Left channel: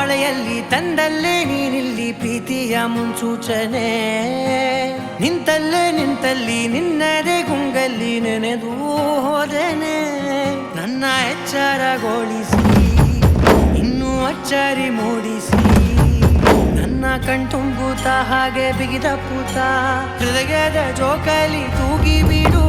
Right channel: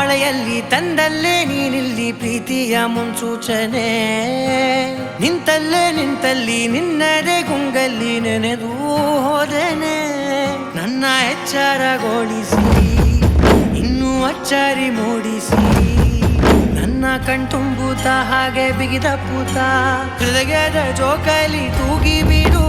ಮಳೆಯಲ್ಲಿ ತಂದಲ್ಲೇ ನೀನಿಲ್ಲಿ ಪ್ರೀತಿಯ ಮುನ್ಸೂಚನೆ ನಿಂತಲ್ಲಿ ನಿನ್ನದೇ ಗುಂಗಲ್ಲಿ ನೆನೆದು ಹೋದನೆ ನನ್ನ ಎಚ್ಚರಗೊಳಿಸಿ ಇನ್ನೂ ಅಚ್ಚರಿ ಮೂಡಿಸಿ ನನ್ನ ಕಣ್ತುಂಬುತ್ತ ಹಾಗೆ ಬಿಗಿದ ಪೂತ ಹೃದಯದ ಜೋಕಾಲಿ ತೂಗಿ ಬಿಡು